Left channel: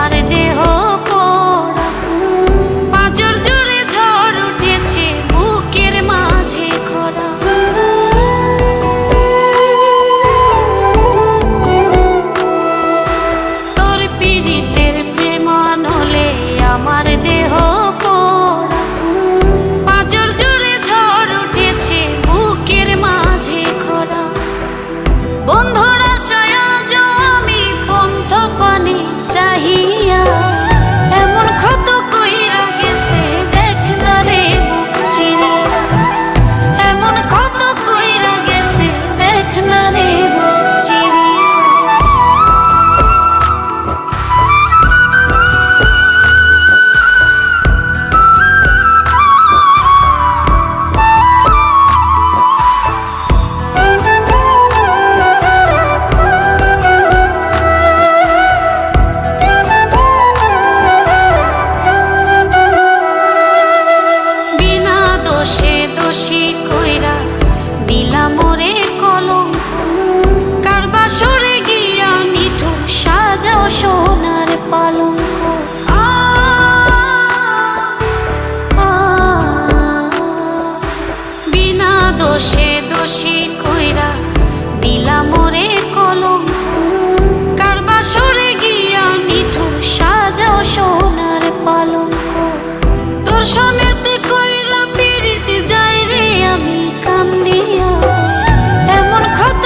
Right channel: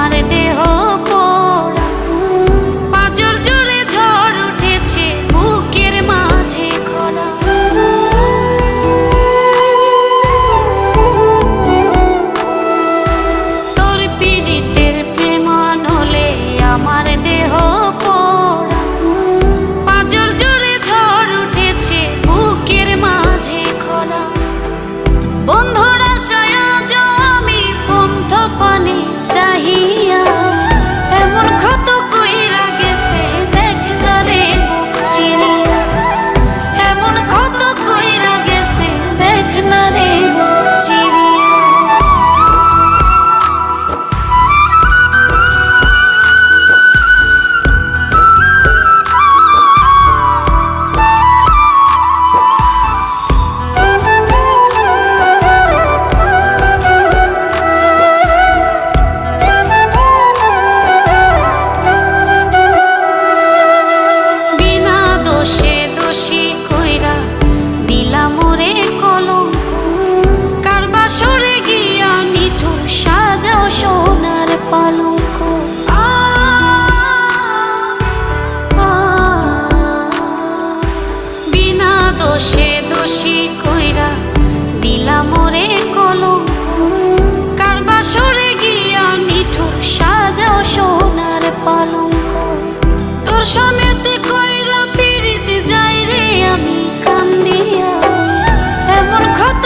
আমার দেহ পোড়া। পাঁচর জুড়ে ঝড় উঠেছে, বুকের মাঝে খরা। তোর পীড়িতের প্রেম আনলে আমার দেহ চাহিয়া এমন ক্ষত কইরা দোষে দোষী কইরা দিলাম ওরে কলঙ্ক। কারবা সরে গিয়া নিঠুর সাজাও সোনার পালঙ্ক। বিনা দোষে দোষী কইরা দিলাম ওরে কলঙ্ক। কারবা সরে গিয়া নিঠুর সাজাও সোনার পালঙ্ক। তোর আমি কান্দিয়া এমন ক্ষত